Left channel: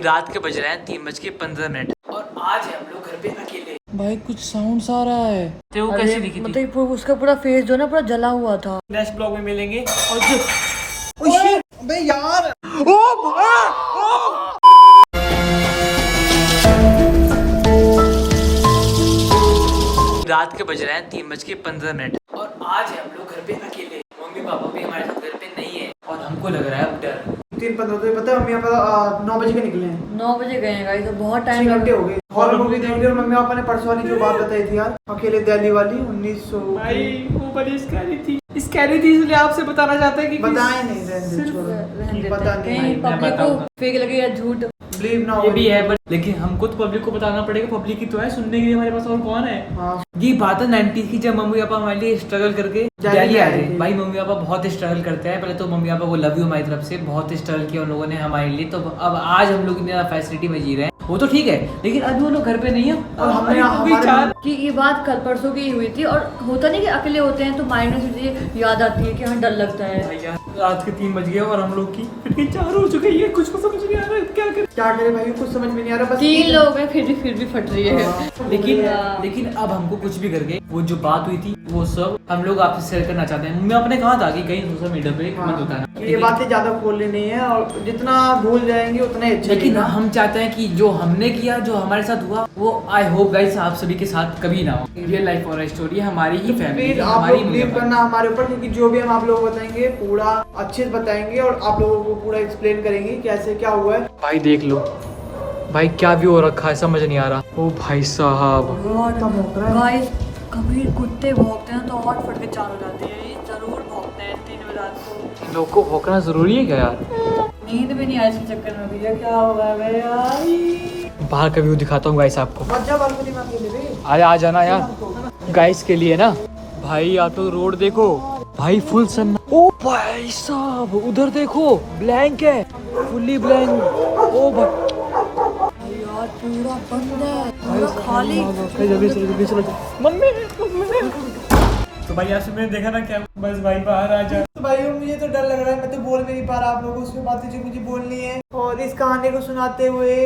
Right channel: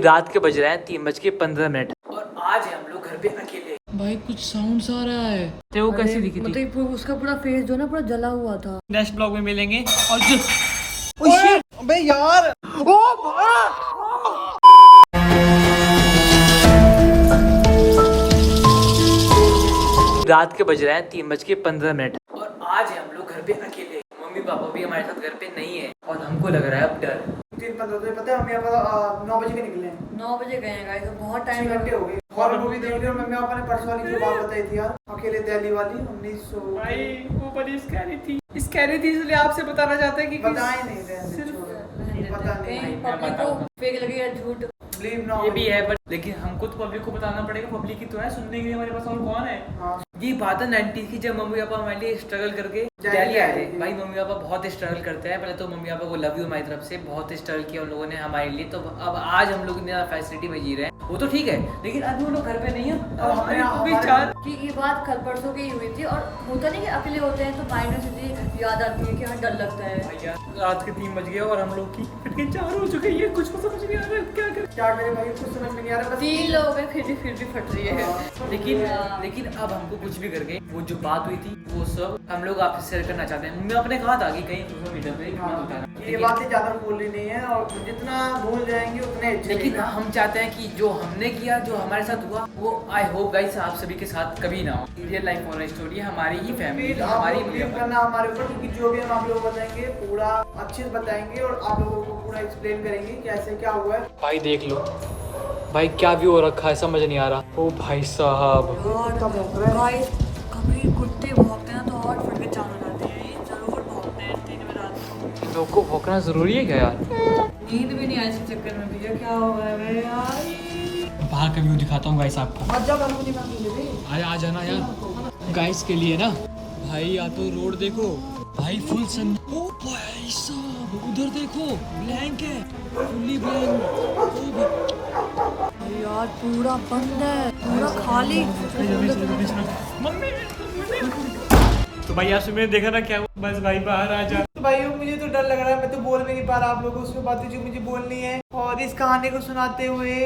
रात के बज रहे हैं 3:15 और आज हम लोग घर पे अकेले। भाई कुछ साउंड आ रहा है। तो वो कैसी दिखी थी? मतलब उसका पूरा फेस जो ना पूरा जला हुआ था। नेक्स्ट ब्लॉग में मिलेंगे। और जो अबे यार रात के बज रहे हैं 3:15 और आज हम लोग घर पे अकेले। मम्मी पापा भी हमारे साथ घर पे नहीं है और हमको लग रहा है अब डर। 3:15 पता है हम यहाँ पर 9 बजे के निकले हैं। 9 बजे गए हैं गाइस, तो बहुत 6 टाइम घंटे हो गए। हॉरर मूवी देख ली और मम्मी पापा ने परसों वाली जो बात बताई थी यार, अकेले दिल्ली वाली 1900। भाई वो बड़ी स्कैरी थी इसलिए आपसे बताना चाहते हैं कि बताए नहीं, रहने दे, छोड़ो, पता नहीं, पब्लिक को फेक लगे या झूठ बिलीव ना हो। ये भी है बट लेकिन हमको तो पब्लिक को बताना पड़ेगा। पब्लिक की तो है सुनने के लिए, हमारे पास और कौन है। हाँ। ये बात है 90s की, जब मम्मी पापा हमारे लिए स्ट्रगल करके दिल्ली आए थे। भाई मम्मी पापा बहुत स्ट्रगल करते हैं। पहले तो मम्मी पापा को लव यू हमारी तरफ से, बहुत स्ट्रगल किया उन लोगों ने हमारे लिए। तो अब आज हम लोग इतना फैसिलिटी में जी रहे हैं, वो तो ठीक है, लेकिन अभी वो लोग घर पे नहीं है। और हमारे कि ये बात कल परसों की हुई थी। और होता नहीं कि अकेले होते हैं तो माइंड में चीजें याद आती है कि हाँ डर लगता है। भैया रात के 3 बज गए और हम लोग की फिर के 4 हो चुके हैं। कुछ को समझ नहीं आ रहा है क्या करे भाई, कुछ समझ में नहीं आ रहा। बस 3 लोग हैं फिर भी फट रही है। लेकिन अब हमको कुछ भी करके वो जो बात हुई थी वो सब हम लोग आपसे शेयर करना चाहते हैं। मैं अपने कहा था कि कहीं सोशल मीडिया पे मत बताना, ये बातें ज्यादा खोलनी नहीं है और जितना भूल जाएंगे उतना ही अच्छा। लेकिन हम चाहते हैं कि जो हमने किया, जो हमारे साथ हुआ, वो आई होप गाइस आप सभी के साथ कभी ना हो। रियल लाइफ और स्टोरी है, हमारी ही फैमिली, हमारी बिलीव करना हमारे ऊपर, क्योंकि जो भी हम आप लोग बताएंगे पूरा अच्छे से बताएंगे और आप लोगों को पूरा एक्सप्लेन करेंगे कैसे क्या हुआ है। भाई देख लो भाई क्या व्यू हो रखा है, समझ नहीं आ रहा। ओ भाई साहब गाइस, कभी कुत्ते भौंकते हैं तो और फट के 4 हो जाती है। ये जरूर भौंकते हैं 3 बजे रात को। लोग को भौंकना जरूरी है क्या यार? नींद भी नहीं आई इस चक्कर में। भैया क्या होगा यार? बाहर का व्यू दिखाता हूँ गाइस आपको। मजा बालकनी में अकेले भी अरे आ जाना यार गाइस के लिए ना। भाई या तो रोड देखो भाई, फुल सन। ओ भाई साहब उधर देखो, ब्लैंक है, फुल्ली ब्लैंक। ओ भाई यार पूरा बंद है, पूरा खाली। मम्मी तो भाई यार मैंने देखा ना क्या, बस भाई बाहर आ जा। तो भाई मुझे तो डर लग रहा है, मैं तो बोल भी नहीं पा रहा आप लोगों से बातें जो मुझे बोलनी है। और इस कहानी को सुनाते हुए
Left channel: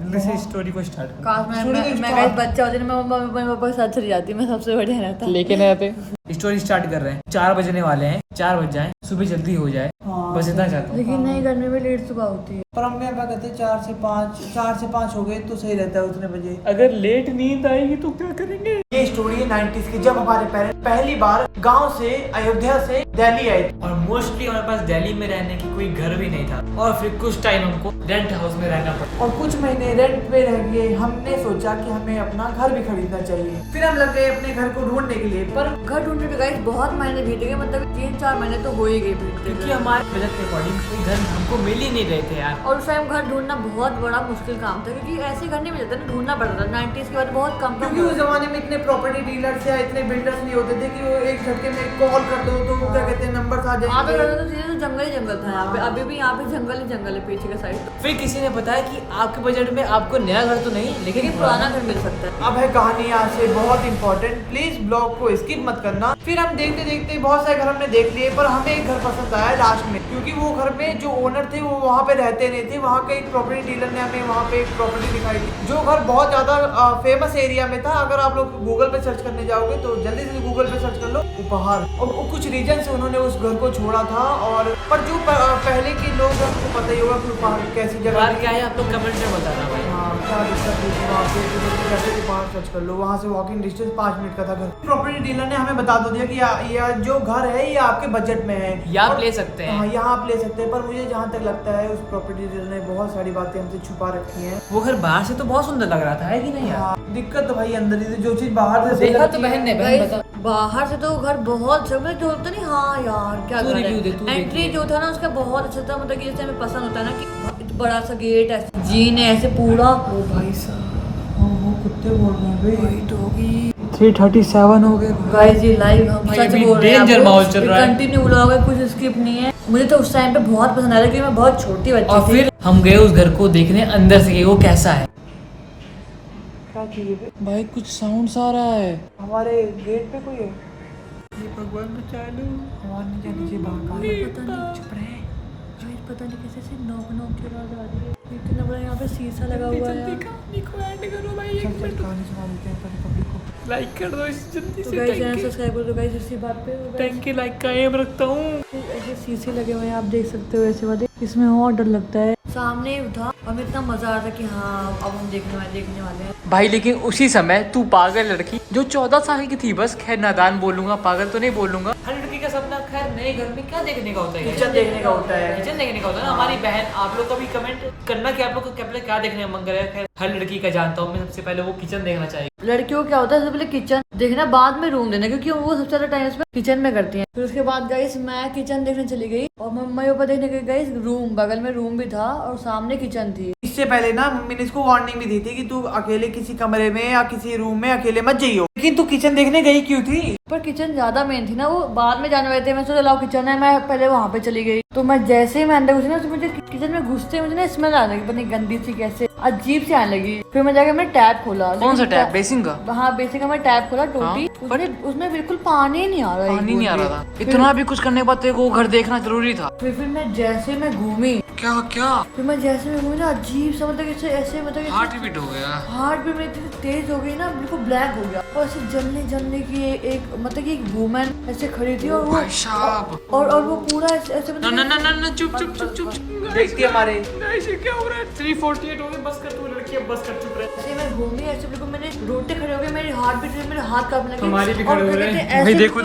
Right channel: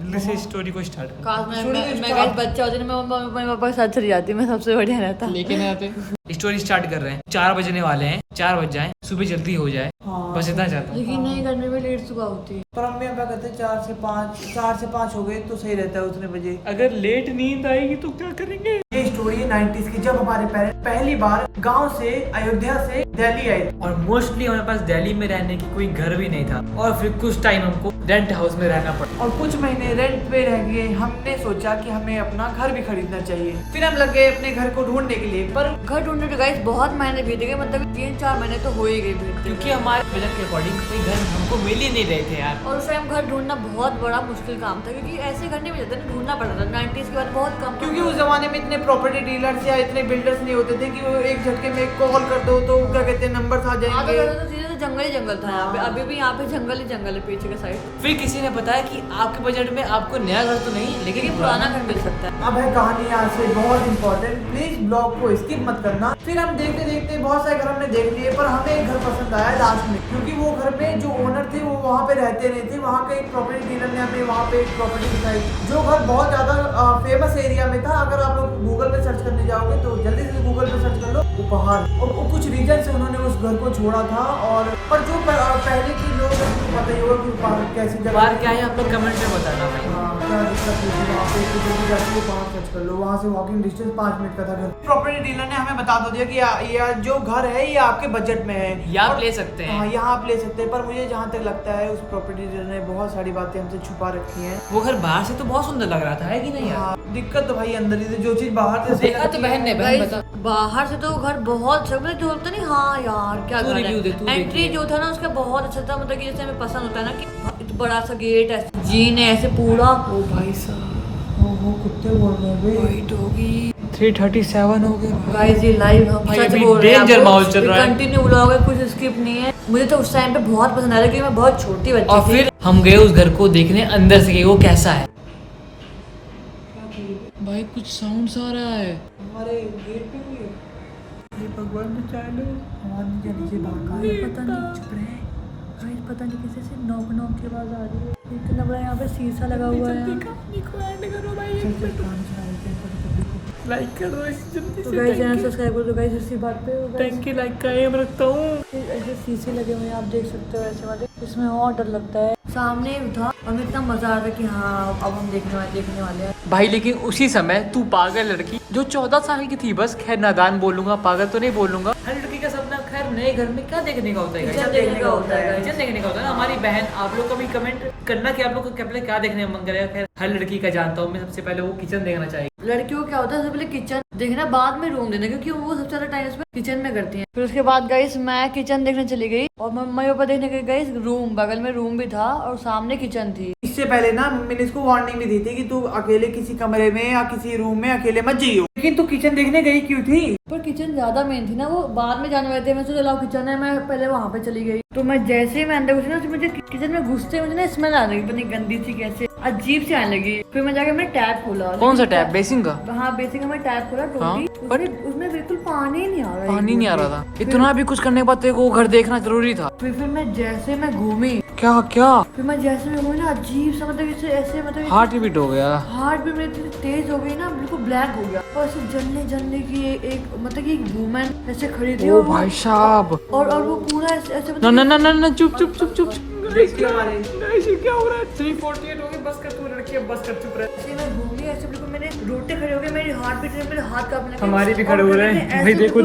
जल्दी से स्टोरी को स्टार्ट कर। काश मैं गाइस बच्चा होती ना, मैं मम्मी पापा के साथ चली जाती, मैं सबसे बढ़िया रहता। लेके नहीं आते। स्टोरी स्टार्ट कर रहे हैं। 4 बजने वाले हैं, 4 बज जाए, सुबह जल्दी हो जाए। हाँ। बस इतना चाहता हूँ। लेकिन नहीं, गर्मी में लेट सुबह होती है। पर अम्मी पापा कहते 4 से 5 हो गए तो सही रहता है उतने बजे। अगर लेट नींद आएगी तो क्या करेंगे? ये स्टोरी है 90s की, जब हमारे पेरेंट्स पहली बार गांव से, अयोध्या से दिल्ली आए। और मोस्टली हमारे पास दिल्ली में रहने की कोई घर भी नहीं था और फिर कुछ टाइम हमको रेंट हाउस में रहना पड़ा और कुछ महीने रेंट पे रह गए। हमने सोचा कि हमें अपना घर भी खरीदना चाहिए। फिर हम लग गए अपने घर को ढूंढने के लिए। पर घर ढूंढने के गाइस बहुत महीने बीत गए, मतलब 3-4 महीने तो हो ही गए बीतते, क्योंकि हमारे बजट के अकॉर्डिंग कोई घर हमको मिल ही नहीं रहे थे यार। और उस टाइम घर ढूंढना बहुत बड़ा मुश्किल काम था, क्योंकि ऐसे घर नहीं मिलते ना, ढूंढना पड़ता था। 90s के बाद बहुत कम, क्योंकि उस जमाने में इतने प्रॉपर्टी डीलर्स या इतने बिल्डर्स नहीं होते थे कि वो एक झटके में कॉल कर दो तो क्या कहते हैं नंबर आ जाएंगे। तो जंगल ही जंगल था यहाँ पे, अभी भी यहाँ पे जंगल ही जंगल है पीछे के साइड। फिर किसी ने बताया कि आपके बजट में आपको नया घर तो नहीं लेकिन पुराना घर मिल सकता है। अब है कहानी यहाँ से बहुत इंपॉर्टेंट, प्लीज ब्लॉग को स्किप मत करना। फिर हम देखते देखते बहुत सारे घर हमने देख लिए, पर हमें एक घर पसंद आया लास्ट में, क्योंकि वो घर में जो ओनर थे वो वहाँ पे रहते नहीं थे। वहाँ के एक प्रॉपर्टी डीलर ने हमें वहाँ पे एक प्रॉपर्टी दिखाई, जो घर बहुत ज्यादा फेमस एरिया में था। अगर आप लोग गूगल पे सर्च करने जाओगे तो जल्दी से गूगल पे सर्च कर लो उपहार। और कुछ रीजन से उन्होंने उस घर को छोड़ा था। और पर जो पहले के लोग हैं उनको पता ही होगा कि उपहार कैसी जगह क्या है, आप लोग कमेंट में बताना भाई। हाँ, क्या दिक्कत हुई थी वहाँ पे, जाके उपहार सर्च कर लो। वहाँ से वॉकिंग डिस्टेंस 5 मिनट का था घर। प्रॉपर्टी डीलर ने हमें बता दिया कि ये जो घर है ये आपके बजट में है, यहाँ आप ले सकते हैं। हाँ, यहाँ आप ले सकते हैं। पर मुझे जहाँ तक लगता है उस प्रॉपर्टी डीलर ने बहुत सारी बातें हमसे छुपा रखी हैं। वो घर बाहर से तो बहुत सुंदर लग रहा था, है कि नहीं यार? हाँ, दिक्कत तो भाई अंदर ही थी। जो चीज बाहर से देखा तो बहन ने, बहन बता। बाहर से तो घर बहुत अच्छा, मतलब जो होता नहीं, हाँ यार क्या घर है। एंट्री जो था ना उसका बहुत अच्छा था, मतलब कि जैसे हमें पसंद होता है ना कि बड़ा सा गेट है, जीन है ऐसे पूरा। ओ भाई साहब, वो कुत्ते बोल रहे हैं वाइट होगी। 3:37 हो गए गाइस ये लाइव हम सच बोल रहे हैं, डेंजर माहौल चल रहा है। कंटिन्यू ब्लॉग है, कुछ स्किप नहीं है। मुझे तो उस टाइम पे बहुत पसंद आया क्योंकि मैं बहुत छोटी बच्ची थी। और फिर हम गए उस घर को देखने अंदर से कि वो कैसा है। भाई कुछ साउंड आ रहा है हमारे गेट पे कोई है। भगवान बचा लो। हमारे नीचे भागा, पता नहीं, चुप रहे। पता नहीं कैसे से नॉक नॉक की आवाज आ रही है। इतना बड़ा यहाँ पे शीशा लगा हुआ है। कहानी को ऐड करो भाई, एक चल मिनट कहानी सुना देते हैं पब्लिक को। लाइक कर दो इस जल्दी तो से। गाइस चैनल सब्सक्राइब कर दो गाइस, इसी बात पे थैंक यू, लाइक का एम रखता हूँ। ऐसे शीशे लगे हुए हैं, आप देख सकते हो। ऐसे मुझे इसमें और डर लगता है। सामने था और मैं इतना मजा आ रहा था कि हाँ अब हम देखने वाले हैं भाई। लेकिन उसी समय तू पागल लड़की जो 14 साल की थी, बस खैर नादान बोलूंगा, पागल तो नहीं बोलूंगा। हर लड़की का सपना खैर नए घर में क्या देखने का होता है, किचन देखने का होता है। किचन देखने का होता है ना। हमारी बहन, आप लोग का भी कमेंट करना कि आप लोग को क्या देखने का मन करेगा। खैर हर लड़की का जानता हूँ मैं, सबसे पहले वो किचन देखना चाहिए। लड़कियों को क्या होता है, सबसे पहले किचन देखना, बाद में रूम देना, क्योंकि वो सबसे ज्यादा टाइम इसमें किचन में करती हैं। फिर उसके बाद गाइस मैं किचन देखने चली गई और मम्मी पापा देखने गए गाइस रूम। बगल में रूम भी था और सामने किचन थी। इससे पहले ना मम्मी ने इसको वार्निंग भी दी थी कि तू अकेले किसी कमरे में या किसी रूम में अकेले मत जाइयो। लेकिन तू किचन देखने गई क्यों थी? पर किचन ज्यादा मेन थी ना, वो बाद में जाने वाले थे। मैं सोचा लाओ किचन है, मैं पहले वहाँ पे चली गई। तो मैं जैसे ही मैं अंदर घुसी ना, तो मुझे किचन में घुसते मुझे ना स्मेल आने लगी, पता नहीं गंदी सी कैसे अजीब सी आने लगी। फिर मैं जाके मैंने टैप खोला। कौन सा टैप? बेसिन का? हाँ बेसिन का। मैं टैप खोला टोटी, उसमें बिल्कुल पानी नहीं आ रहा। पानी नहीं आ रहा था। इतना भी कुछ करने के बाद तेरे को घर देखना जरूरी था। फिर मैं जैसे मैं घूमी, क्या फिर मैं जैसे मैं घूमी ना, अजीब सा मतलब ऐसे मतलब हार्ट बीट हो गया। हार्ट भी मेरी इतनी तेज हो गई ना, बिल्कुल ब्लैक हो गया। और ऐसे जलने की एक मतलब कि एक वुमन ऐसे खड़ी थी। ओ भाई साहब। और वो पूरा ऐसे मतलब ना चुप देखते हमारे क्या हो रहा है? 348 हो गए, बस कर तू लड़की, अब बस कर, चुप रह। ऐसे मैं घूमी, ऐसे बिल्कुल मैंने रोटे खड़े हो गए, मेरी हार्ट बीट, मेरे हाथ कांपने लगे। हमारी भी खड़े हो रहे हैं भाई। देखो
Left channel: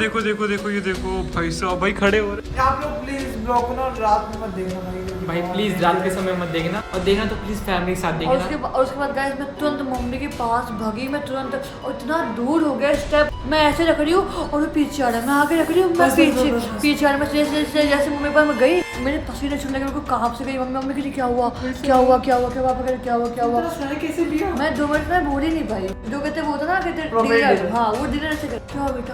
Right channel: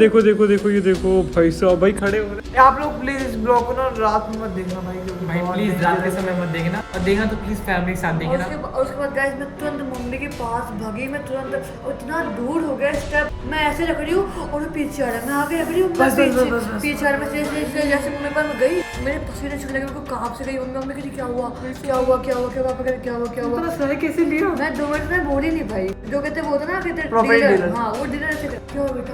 ये देखो भाई साहब, भाई खड़े हो रहे हैं। आप लोग प्लीज इस ब्लॉग को ना रात में मत देखना भाई, क्योंकि भाई बहुत प्लीज रात के dangerous समय मत देखना, और देखना तो प्लीज फैमिली के साथ और देखना। उसके बाद गाइस मैं तुरंत मम्मी के पास भागी। मैं तुरंत, और इतना दूर हो गया स्टेप, मैं ऐसे रख रही हूँ और वो पीछे आ रहा है, मैं आगे रख रही हूँ, बस। पीछे आ रहा है। मैं जैसे मम्मी पर मैं गई, मेरे पसीने छूटने लगे, मेरे को कांप से गई। मम्मी के लिए क्या हुआ कैसे लिया? मैं 2 मिनट में बोल ही नहीं पाई। जो कहते वो था ना, कहते Property डीलर, dealer। हाँ वो डीलर ऐसे क्या हुआ बेटा,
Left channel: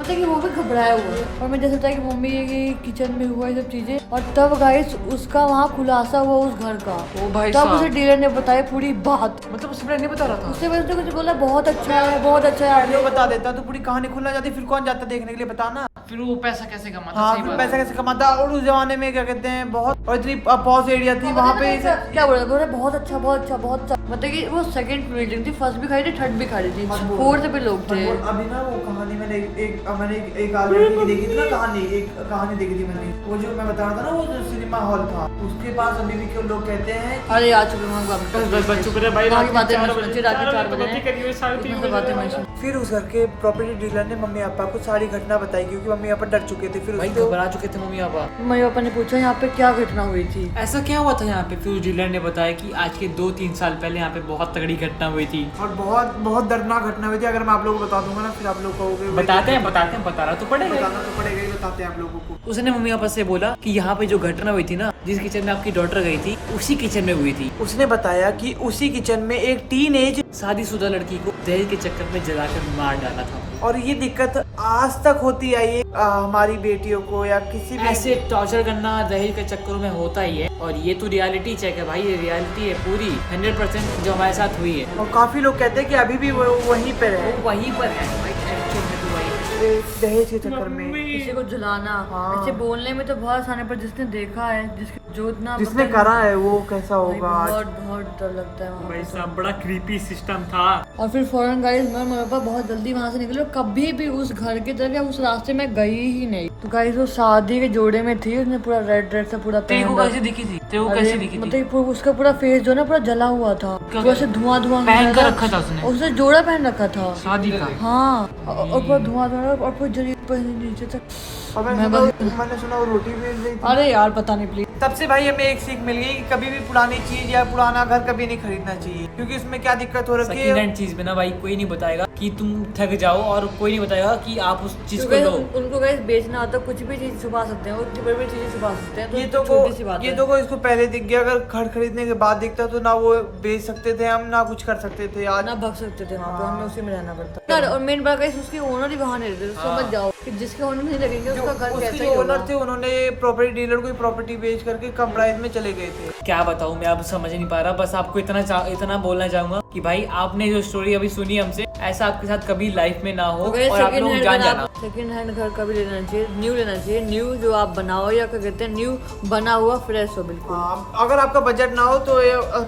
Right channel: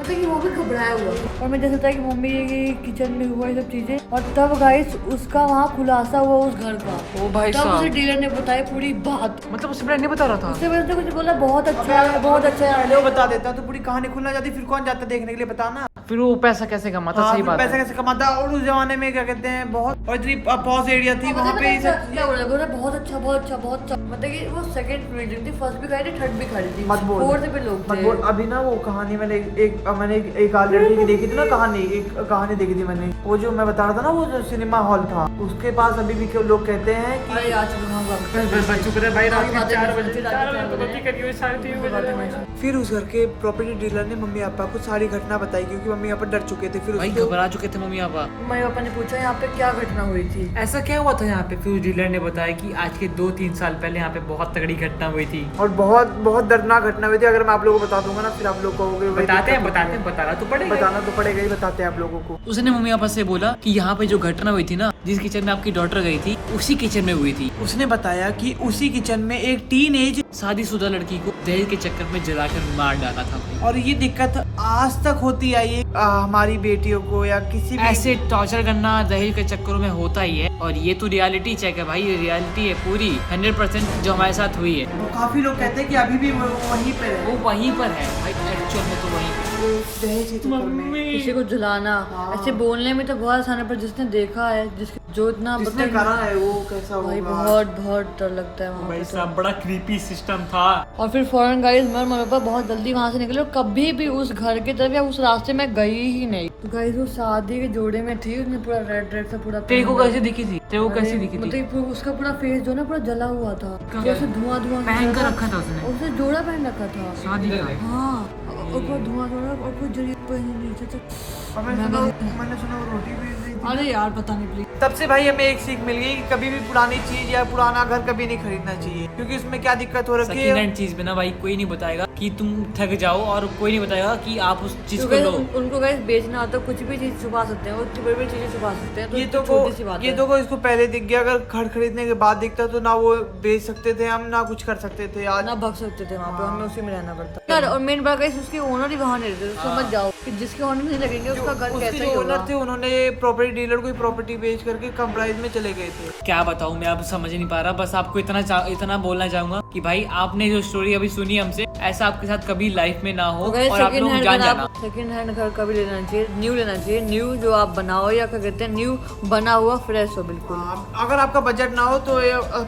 मतलब कि वो भी घबराया हुआ। और मैं जैसे था कि मम्मी ये किचन में हुआ ये सब चीजें, और तब गाइस उसका वहाँ खुलासा हुआ उस घर का। ओ भाई तब उसे साहब, डीलर ने बताया पूरी बात। मतलब उससे पहले नहीं बता रहा था? उससे वजह से कुछ बोला बहुत अच्छा है। जो बता देता तो पूरी कहानी खुलना जाती, फिर कौन जाता देखने के लिए, बताना। फिर वो पैसा कैसे कमाता? हाँ, सही फिर बात पैसा है। कैसे कमाता। और उस जमाने में क्या कहते हैं, बहुत और इतनी पॉज एरिया थी वहाँ पे ये सब। क्या बोला बहुत अच्छा मतलब कि वो सेकंड बिल्डिंग थी, फर्स्ट भी खड़ी थी, थर्ड भी खड़ी थी, मत बोल। फोर्थ पे लोग मत थे। बोल। अभी ना वो कहानी मैंने एक लड़की की देखी थी ना, एक कहानी देखी थी मैंने। वो जो मैं बता रहा था ना, वो जो सिनेमा हॉल था, उसके पास अभी भी क्यों लोग कहते हैं कि अरे यार चुप रहे भाई, रात के 4 बजे बजे फिर उस घर के प्रॉपर्टी डीलर ने मम्मी पापा को सारी घटना बताई, क्योंकि मम्मी पापा डर चुके थे। फिर भाई उसको घबरा चुके थे मम्मी पापा। मम्मी पापा ने पूछा यहाँ पे क्या घटना हुई थी। ऐसा क्या हुआ था यहाँ पे? फिर उस डीलर ने बताया कि आज के 2-3 साल पहले यहाँ पे बहुत तगड़ी घटना हुई थी। और बहुत दर्दनाक घटना हुई थी। अगर मैं आप लोगों को बता दूंगा ना, फिर आप लोग कहोगे बताते हैं, बताना तो पड़ेगा। बताना तो पड़ेगा ही, बताते हैं आप लोगों को। उसने मम्मी पापा से बोला कि यहाँ पे जो घटना हुई थी ना, जिस किचन में आपकी डॉटर गई थी, उसी किचन में हुई थी। उसने बताया कि उसी किचन में एक टीनेज शादीशुदा लड़की को दहेज के चक्कर में जलाकर मार डाला था भाई। और ये दिक्कत आज तक होती आई है हमारी बेटियों को, या किसी भी ऐसे टॉर्चर करना दहेज के चक्करों में होता ही है। और ये तो रियलिटी चेक है भाई, ये रियलिटी है पूरी 100% जो हमारे साथ हुई है। और काफी लोग कहते हैं कि अभी भी वो वहीं पर है, वो वहीं पर है भाई, एक्चुअल में तो वहीं। दहेज के चक्कर में। किसी को जलाना, हाँ। ऐसे बोलने में तो बहुत आसान है, पर जिसने देखा है, जो इतना जिसने करा है वो कैसा भाई होगा। बहुत डर लगता है वहाँ। भाई साहब बड़ा क्रीपी सिस्टम था। और फिर फौरन गाइस मैं मम्मी पापा बहुत जल्दी वहाँ से निकले, और कभी भी उस घर की तरफ या उस रास्ते में गई ही नहीं। तो गाइस वो शादी के जोड़े में थी, उसने पूरा रेड सा पूरा तेरे को पहना। कैसे दिखी थी? तेरे को कैसे दिखी थी? मतलब उसका पूरा फेस जो है ना पूरा जला हुआ था, क्या- जैसे धुआं पहन कर रखा था उसने? उसने जोड़ा पहन रखा था शादी का? हाँ, और पूरा धुआं और पूरा जरी नीचे तक। और मैं मैंने सुना वो रोटी बेच रही थी। अरे यार पता नहीं प्लीज। तब से भाई हमें एक सीख मिल गई कि कभी भी पुरानी चीज या पुराना घर कभी नहीं खरीदना चाहिए, क्योंकि उसमें क्या दिक्कत हो रखी सेकंड है। हैंड चीज में ना भाई कोई नहीं बताएगा कि तुम थक जाओ, और कोई नहीं बताएगा कि आप उस चीज को लो। उनको गाइस बेचना आता, कुछ भी चीज छुपा सकते हैं, उतनी बड़ी बड़ी चीजें छुपा सकते हैं। ये तो तो छोटी सी बात है। को इसको पहले दिख गया। अगर घर खरीदने के बाद दिखता तो ना वो बेच सकते थे हम, ना कुछ कर सकते थे आज। ना भग सकते थे वहाँ पे, हमें उसी में रहना पड़ता यार। और मेन बात गाइस उसके ओनर ही वहाँ नहीं रहते, समझ जाओ कि जिसके ओनर नहीं लगेंगे उसका घर उसके कैसा जो ही ओनर होगा। थे उन्होंने प्रॉपर्टी डीलर को प्रॉपर्टी बेच करके कम प्राइस में चले गए थे। क्या बताऊं मैं, अब समझ नहीं पा रहा। बस आपको इतना बोलना चाहूंगा कि भाई आपने जो स्टोरी अभी सुनी हमसे, ऐसा आपके साथ कभी लाइफ में ना हो अगर और आप सेकंड लोग हैंड जान घर जाना। आप सेकंड हैंड घर कभी लेना चाहिए, न्यू लेना चाहिए। न्यू जो आप बनाओ या क्या कहते हैं, न्यू बना हुआ फ्रेश हो बिल्कुल। हाँ, अगर आपका बजट ना हो तो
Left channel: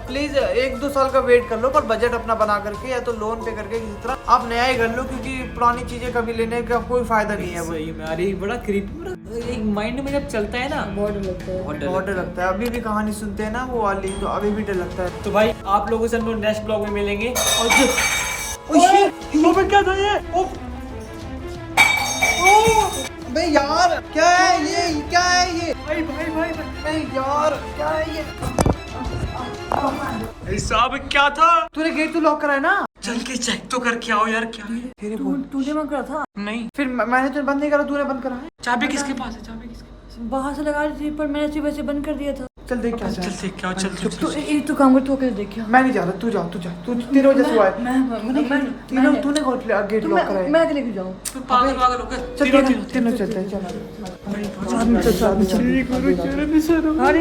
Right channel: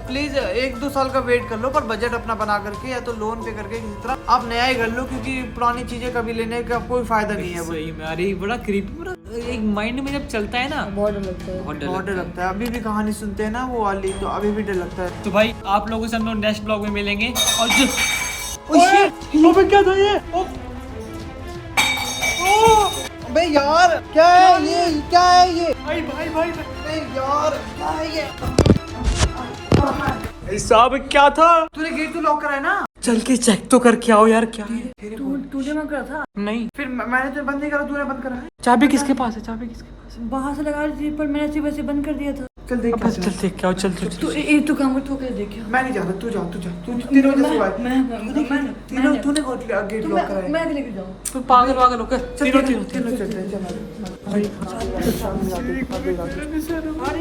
प्लीज 1-2 साल का वेट कर लो, पर बजट अपना बना करके या तो लोन पे करके किसी तरह आप नया ही कर लो, क्योंकि पुरानी चीजें कभी लेने का कोई फायदा नहीं है। वो सही में अरे बड़ा क्रीपी, एक माइंड में जब चलता है ना बहुत डर लगता है। बहुत डर लगता है। अभी भी कहानी सुनते हैं ना वो वाली, तो अभी भी डर लगता है। तो भाई आप लोगों से हम लोग नेक्स्ट ब्लॉग में मिलेंगे। और जो ये क्या था ये? अबे यार क्या है ये? क्या है ये? भाई भाई भाई नहीं यार, क्या है ये? साहब क्या था? तूने गेट तो लॉक करा है ना? चल के चेक तो करके आओ यार, क्या है? तूने मन करा था? नहीं, फिर मैंने तो बंद नहीं करा, तूने बंद करा है। चाबी किसके पास है? चाबी किसके पास है? बाहर से लगा दी थी, पर मैंने सिर्फ वैसे बंद कर दिया था। चल देख क्या चल देख के आओ, चल चल तो एक तो काम कर, तू क्या देखिए। मैं नहीं जा रहा, तू जा, तू जा। तू तेरे वजह से हुआ है। मैं तूने गेट लॉक करा है। मैं आगे लेके जाऊँ। तू पागल पागल होकर तीनों तीनों चल चल चल चल। साथ में चल, साथ में चल। अरे